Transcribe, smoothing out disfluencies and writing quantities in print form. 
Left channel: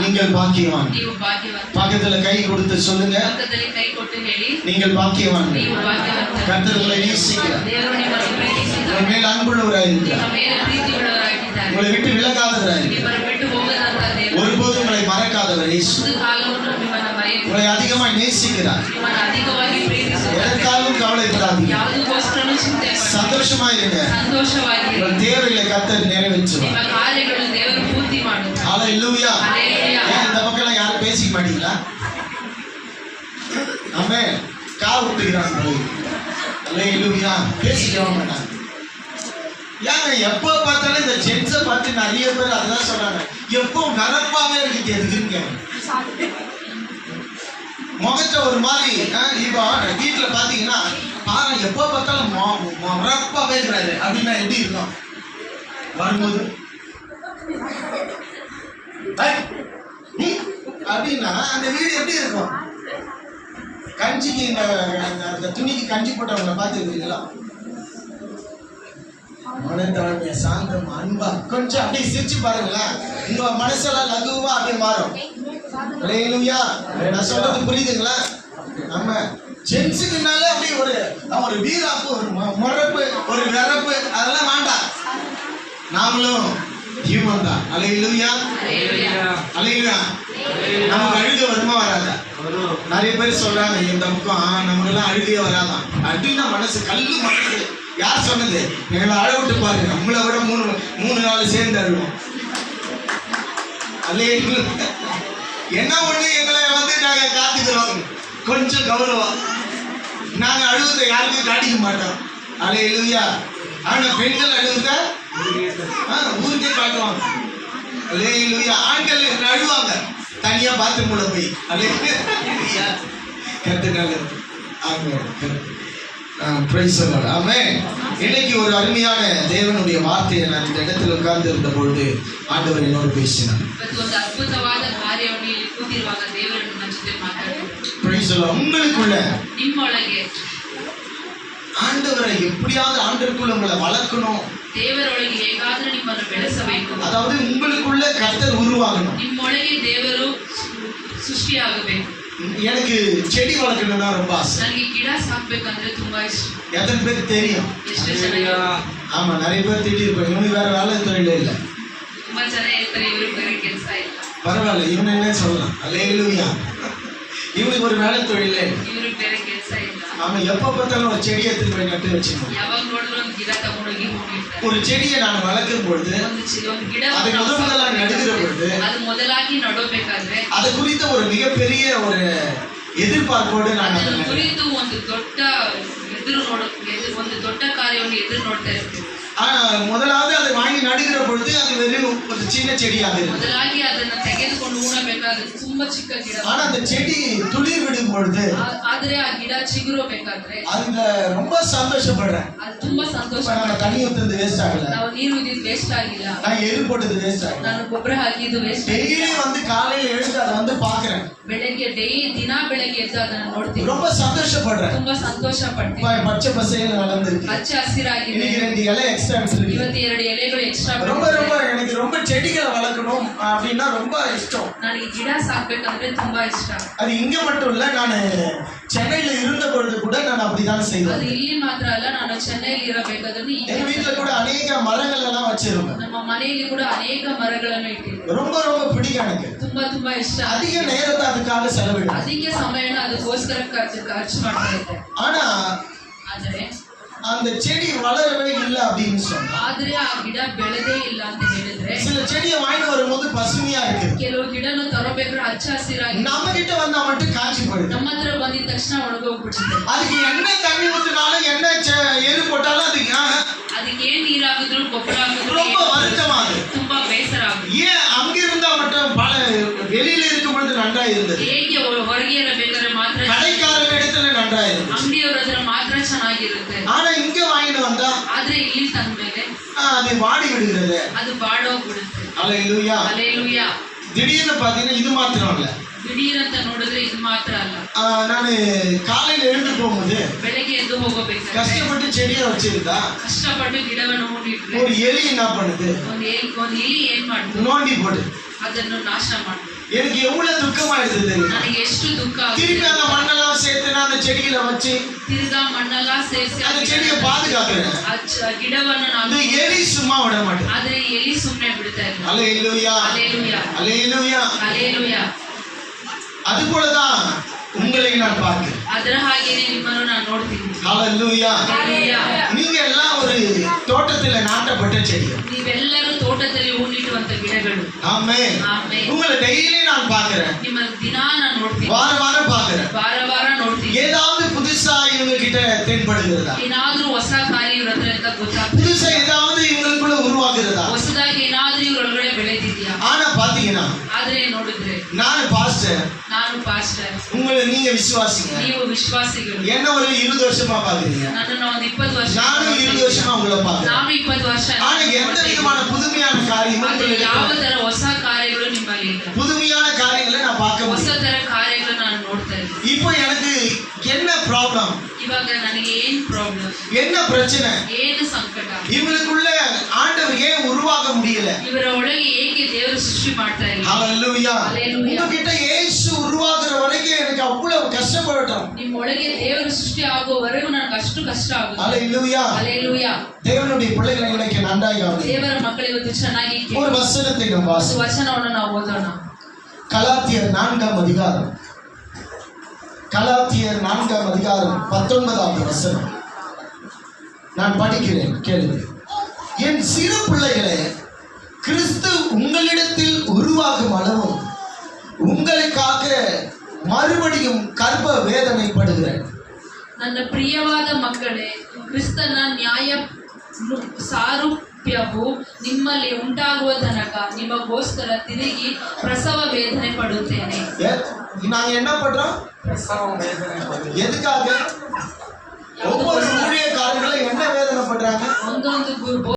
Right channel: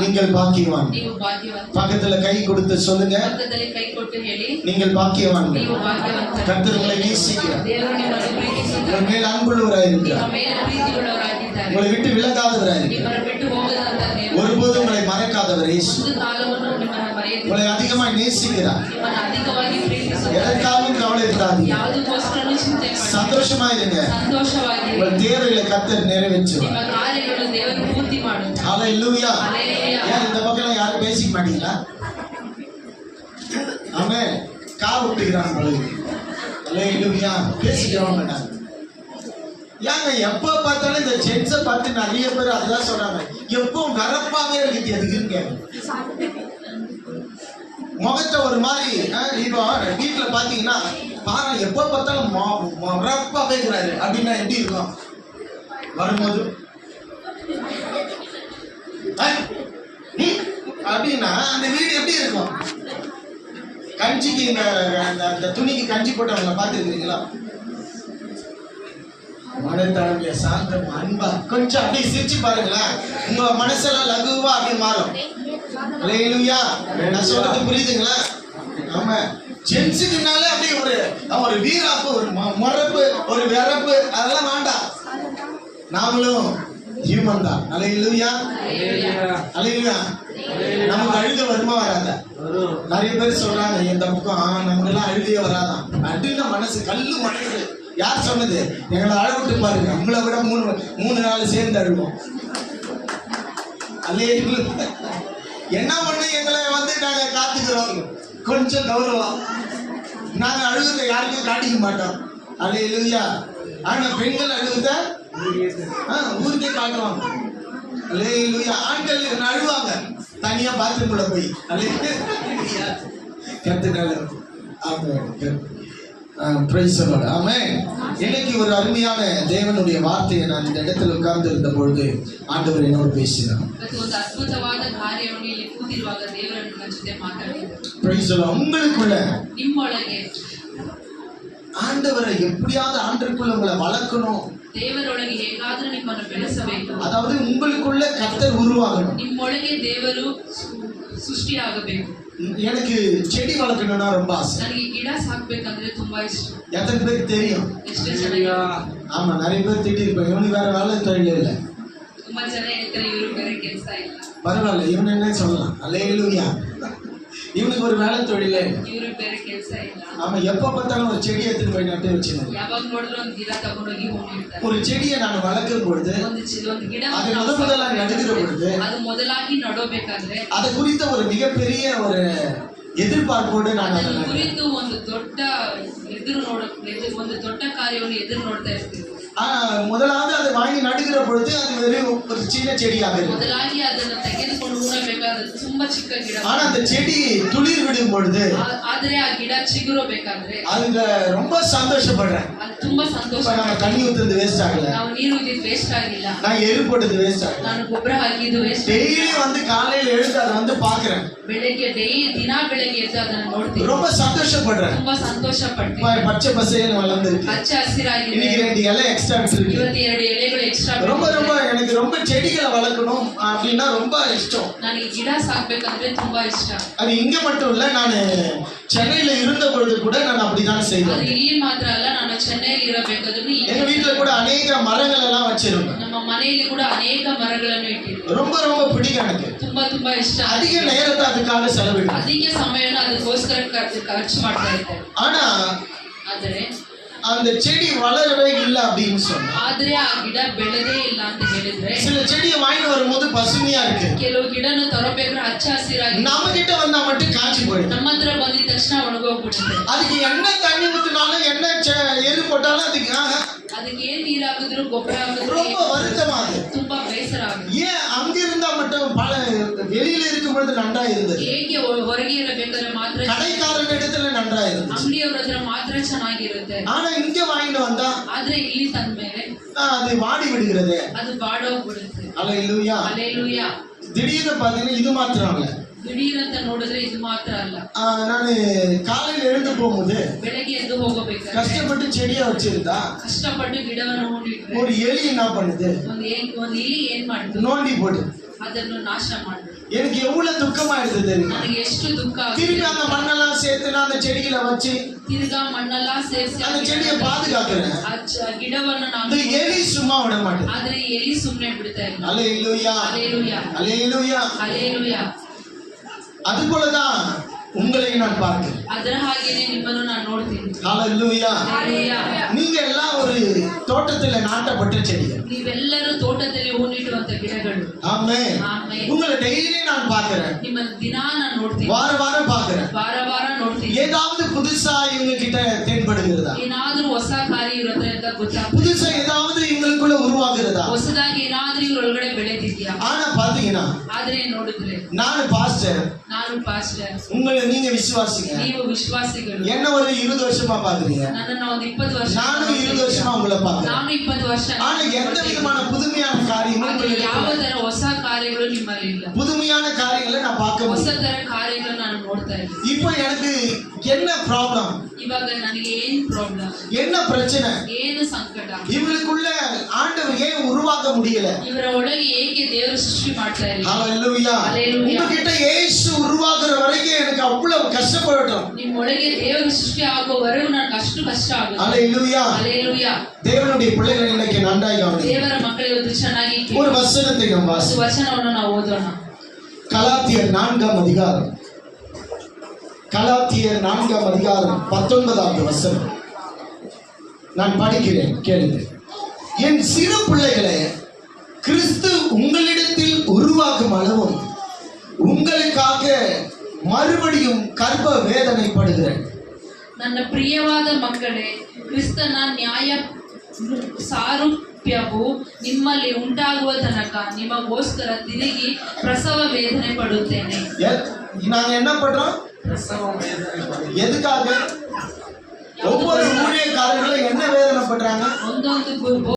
நீங்கள் பாக்கியவான். பக்கத்துல கை கொடுத்து சொல்லுங்க, நீங்கள் பாக்கியவான். கர்த்தர் உங்களை நேசிக்கிறார், உங்கள் மேல் அன்புள்ளவராய் இருக்கிறார், உங்களை விட்டு விலகாதவராய் இருக்கிறார், ஒருபோதும் உங்களை மறக்காதவர் இயேசு. உங்களை அதிகமாக நேசிக்கிறார். எதற்காகவும் கவலைப்படாதீங்க, சந்தோஷமாயிருங்க. உங்கள் தேவைகளை கர்த்தர் நிறைவேற்றுவார். ஹல்லேலூயா. ஏன் இந்த பக்கம் யாரும் பேசிக்க மாட்டீங்களா? ஆமென். கால் விட்டுக்கிறாங்க. ஹல்லேலூயா. பேசிக்க மாட்டாங்க. ஏங்க எப்போ பார்த்தாலும் இந்த ஜென்ஸை பார்த்து நிறைய பேர் அதான் சொன்னாங்க, எப்போ நரப்பாவே இருக்கு எதுக்குன்னு கேட்க. முகத்தை ஒரு மாதிரி இப்போ வீட்டில் பார்த்தீங்கன்னா பாரு எப்போ பார்த்தாலும் மரப்பாவே இருக்கிறாரு அப்படின்னா எப்படி இருக்கும்? வரும்போது அப்படின்னா அந்த வீடு எப்படி இருக்கும்? கஞ்சிக்கு இந்த துணிக்கு கஞ்சி போட்டவங்களை பார்த்துருக்கீங்களா? மனத்தளமைய சாந்தம் அன்பா கொஞ்சம் அப்படியே சிரிச்சு பாருங்களேன், உங்க மனசெல்லாம் லகுவா அப்படியே மாறும். ஹல்லேலூயா. நான் சொல்றது புரியுதுங்களா? ஆமா, ஜென்ஸுக்குனாலே அப்படியே ஒரு வீராப்பு, ஒரு மொரப்பு, ஒரு விரப்பு அதெல்லாம் வேண்டாம். நாமளும் ஹியூமன் தான். ஹல்லேலூயா. ஹல்லேலூயா. நமக்கு அழுக வருமா வராதா? நிறைய பேர் சொல்றாங்க இந்த பக்கம் நமக்கெல்லாம் அழுகையே வராதான் அப்படின்னா மனசு கல்லு மனசு. யார் சொன்னது? எங்களை அழ விட்டு பாருங்க, நம்மளை விட மூணு நாள் சேர்ந்து அழுவோம். அல்லேலூயா. என்ன ஒண்ணு எங்களை நாங்க காத்துக்கிறோம், கொஞ்சம் கௌரவம். நாங்க அழுகுறத யாருக்கும் காட்டிக்க மாட்டோம். அல்லேலூயா. ஆனா பெண்கள் அழுகுறத ஊருக்கே காட்டுவாங்க. அல்லேலூயா. ஆண்கள் அழுவாங்க தனியா பாத்ரூம்ல போய். அல்லேலூயா. கர்த்தர் ஆமென். Praise the Lord. ஆமென். இன்னைக்கு ஒரு அருமையான தேவனுடைய வார்த்தையை நான் இந்த இடத்துல உட்கார்ந்து இருந்த பொழுது ஆண்டவர் என்னோடு பேசினார். Praise the Lord. உங்களுக்குள்ள ஆண்டவரை எப்படியாவது ஆண்டவருக்குள்ள உங்களை வளர்க்கணும். அதாவது உங்களுக்குள்ள கர்த்தர் உருவாகணும். எனக்கு செடி வளர்க்கணும்னா ரொம்ப ஆசை. எத்தனை பேருக்கு தெரியும்? ஆமா, நிறைய பேர் திட்டி இருப்பாங்க, இவனுக்கு வேற வேலை தொழிலே இல்லை. பரவாயில்ல, இவன் என்ன சொல்லலாம். அல்லேலூயா. இவனுக்கு ஒரு வேலை தொழிலே. ஆமா, எப்ப பார்த்தாலும் ஒரு செடியை எடுத்து போய் நட்டு வச்சுக்கணும். ஒரு செடியை நான் வளர்க்கிற பொழுது, அதை முதலாக நடுகிற பொழுது, அது குறித்த ஒரு மிகப்பெரிய ஒரு எதிர்பார்ப்போடு நான் முதலாவது அதை வாங்கி நடுகிற பொழுது அது வெறும் ஒரு சின்ன செடியாக இருக்கு. ஆனா அந்த செடி துளிர் விடும் பொழுது அதுல ரொம்ப சந்தோஷப்படுறேன். நம்ம தண்ணி ஊத்துறது வேஸ்ட் ஆகல, நான் எரு போட்டது வேஸ்ட் ஆகல. டெய்லி வந்து காலையில எழுந்து அதை வந்து பாக்குறேன், ரொம்ப சந்தோஷப்படுறேன். பச்சை பசேன்னு வளர்ந்துருக்கு. இன்னைக்கு 2 இலை எக்ஸ்ட்ரா விட்டுருக்கு. ரொம்ப ரொம்ப எனக்கு ரொம்ப செடிகளை வளர்க்கணும் அப்படின்னா ரொம்ப இஷ்டம். அது இங்க மட்டும் இல்ல, நான் சென்னையில இருந்த பொழுது கூட நான் அப்படிதான் செய்தேன். எங்க வீட்டுல கூட அநேக மரங்கள் எல்லாம் வச்சிருந்தேன். ரொம்ப ரொம்ப பிடிக்கும் எனக்கு. அதிக நேரத்தை அதுக்காக செலவிடும். ஆனா அந்த செடி வளரவே இல்லை அப்படின்னு சொன்னா, சில செடியை வாங்கி வரும்போது பசுமையா இருக்கு, நம்ம கிட்ட வந்தா மட்டும் காய்ச்சி போயிடும். அதுக்கு என்ன தண்ணி ஊத்தினாலும் என்ன எரு போட்டாலும் அதுக்கு ரொம்ப வருத்தமாகுது. ஏன் அங்க இருந்தா மட்டும் பல வெளியில இருக்கும் பொழுது நன்றா இருந்தது, கடைக்காரங்க இடத்துல நன்றா இருந்தது. ஆனா இங்க வாங்கிட்டு வந்தா அது வாடி விடுகிறது. அல்லேலூயா. திடீர்னு பாத்தீங்கன்னா இது மாத்திரம் இல்ல, ದಿಢೀರಂತ ನೋಡಿದ್ರೆ ಇದು ಮಾತ್ರ ಅಲ್ಲ. ನಾನು காலையில எழுந்து போகும்போது ಬೆಳಗ್ಗೆ ಎದ್ದು ಹೋಗಬೇಕಾದ್ರೆ கஷ்டப்பட்டு செடியை வச்சிருந்தா ಕಷ್ಟಪಟ್ಟು ಗಿಡವನ್ನು ಹೂಡಿಟ್ರೆ ஒரு எலி என்ன பண்ணுது, ಒಂದು ಇಲಿ ಏನ್ ಮಾಡ್ತು, நோண்டி போட்டு ಅದನ್ನು ನಾಶ ಮಾಡ್ತು. எனக்கு எவ்வளவு துக்கமாயிடுது தெரியும். ನನಗೆ ಎಷ್ಟು ದುಃಖ திருப்பி அந்த மண்ணெல்லாம் சேர்த்து நான் அந்த செடியில வச்சு ತಿರ್ಗಾ ಮಣ್ಣೆಲ್ಲ ಸೇರಿಸಿ அந்த செடியை பாதுகாக்கிறேன். ಗಿಡವನ್ನು அந்த ನಾನು எலி சும்மா விட மாட்டேன். ಆದ್ರೆ ಎಲಿ ಸುಮ್ಮನೆ ಬಿಡ್ತಾ ಇಲ್ಲ. அல்லேலூயா, ಹಲ್ಲೆಲೂಯಾ, அல்லேலூயா. ಹಲ್ಲೆಲೂಯಾ. அது போலதான் உங்களை நான் பார்க்கிறேன். ಅದರ ಹಾಗೇನೆ ನಿಮ್ಮನ್ನು ನಾನು ನೋಡ್ತೀನಿ. ஹalleluya. ಹಲ್ಲೆಲೂಯಾ. நீங்க எல்லாம் ஒரு தோட்டத்துல நாட்டப்பட்ட செடிகள். ನೀವೆಲ್ಲರೂ ತೋಟದಲ್ಲಿ ಹೂನಿಡುವಂತ ಗಿಡಗಳು. ஆமென். ಆಮೆನ್. உங்களை டெய்லி நான் பார்க்கிறேன், ನಿಮ್ಮ ದಿನಾ ನಾನು ನೋಡ್ತೀನಿ, வார வாரம் பார்க்கிறேன். ವಾರ ವಾರ ನೋಡ್ತೀನಿ. ஏதாவது புதுசா இவங்க கிட்ட தென்படுகிறதா, ಏನಾದ್ರೂ ಹೊಸ ಕಾರ್ಯ ಇವ್ರ ಹತ್ರ ಅಂತ ಗೊತ್ತಾಗ್ತದೆ. புதுசா ஏதாவது இவங்களுக்குள்ள உருவாகுறதா? ಹೊಸದಾಗಿ ಏನಾದ್ರೂ ಇವ್ರೊಳಗಡೆ ಬೆಳೆದಿದ್ಯಾ? ஆனா பாத்தீங்கன்னா ಆದ್ರೆ ನೋಡಿದ್ರೆ நான் பாஸ்டர், ನಾನು ಪಾಸ್ಟರ್, உங்களை நீங்க விசுவாசிங்க. ನೀವು ವಿಶ್ವಾಸಿಗಳು. என்ன ஒரு 20 வருஷமா பாக்குறீங்க, ನನ್ನನ್ನು ಒಂದು 20 ವರ್ಷ, நானும் 20 வருஷமா உங்களை பாக்குறேன். ನಾನು 20 ವರ್ಷ. ஆனா எந்த விதமான புதுமையான காரியமும் ಆದ್ರೆ உங்களுக்கு ಯಾವ இல்ல. ತರ ಹೊಸ ಕಾರ್ಯಗಳು ನಿಮ್ಮಲ್ಲಿ ಇಲ್ಲ. புதுமையான காரியங்களை நான் பார்க்க ಹೊಸ முடியும். ತರ ಕಾರ್ಯಗಳು ನಾನು ನೋಡ್ತಾ ಇದ್ದೀನಿ. இப்போ எனக்கு என்ன ப்ராப்ளம், ಇವಾಗ ನನಗೆ ಏನ್ ಪ್ರಾಬ್ಲಮ್, என்ன பிரச்சனை, ಏನು ಸಂಕಟ, இவங்களுக்குள்ள ஆண்டவர் ஏன் உருவாக முடியல? ಇವರ ಒಳಗೆ ಏಕೆ ದೇವರು ಸೃಷ್ಟಿ ಮಾಡ್ತಾ ಇಲ್ಲ? ஹalleluya. Hallelujah. உங்ககிட்ட இயேசு உருவாகுற வரைக்கும் எனக்கு அவ்வளவு கஷ்டப்படட்டும். ನಿಮ್ಮ ಒಳಗೆ ದೇವರು ಸೃಷ್ಟಿ ಆಗೋವರೆಗೂ ನನಗೆ ಅಷ್ಟು ಕಷ್ಟ ಆಗುತ್ತೆ. ஹalleluya. ಹಲ್ಲೆಲೂಯಾ. தேவனுடைய பிள்ளைகளை இன்னைக்கு நன்றாக கவனிங்க. ದೇವರ ಮಕ್ಕಳಿಗೆ ಒಂದು ಚೆನ್ನಾಗಿ ஒரு வசனத்தை நாம் ಒಂದು வாசிப்போம். ವಚನವನ್ನು ನಾವು ಓದೋಣ. கலாத்தியர் 4ஆம் அதிகாரம், கலாத்தியர் 4ஆம் அதிகாரம் 19வது வசனம் நான் படிக்கிறேன், கேளுங்கள். என் சிறு பிள்ளைகளே, கிறிஸ்து உங்களிடத்தில் உருவாகும் அளவும் உங்களுக்காக மறுபடியும் கர்ப்ப வேதனைப்படுகிறேன். ನನ್ನ ಪ್ರಿಯವಾದ ಮಕ್ಕಳೇ, ಕ್ರಿಸ್ತನ ನ್ಯಾಯ ಸಾರೂಪ್ಯವು ನಿಮ್ಮಲ್ಲಿ ಉಂಟಾಗುವ ತನಕ ನಿಮಗೋಸ್ಕರ ತಿರುಗಿ ಪ್ರಸವ ವೇದನೆ ಪಡುತ್ತೇನೆ. நாங்க என்ன பண்றோம்? எதுக்காக? ஒவ்வொரு ஊழியக்காரர்களும் என்ன வேதனை பண்றாங்க? ಒಂದೊಂದು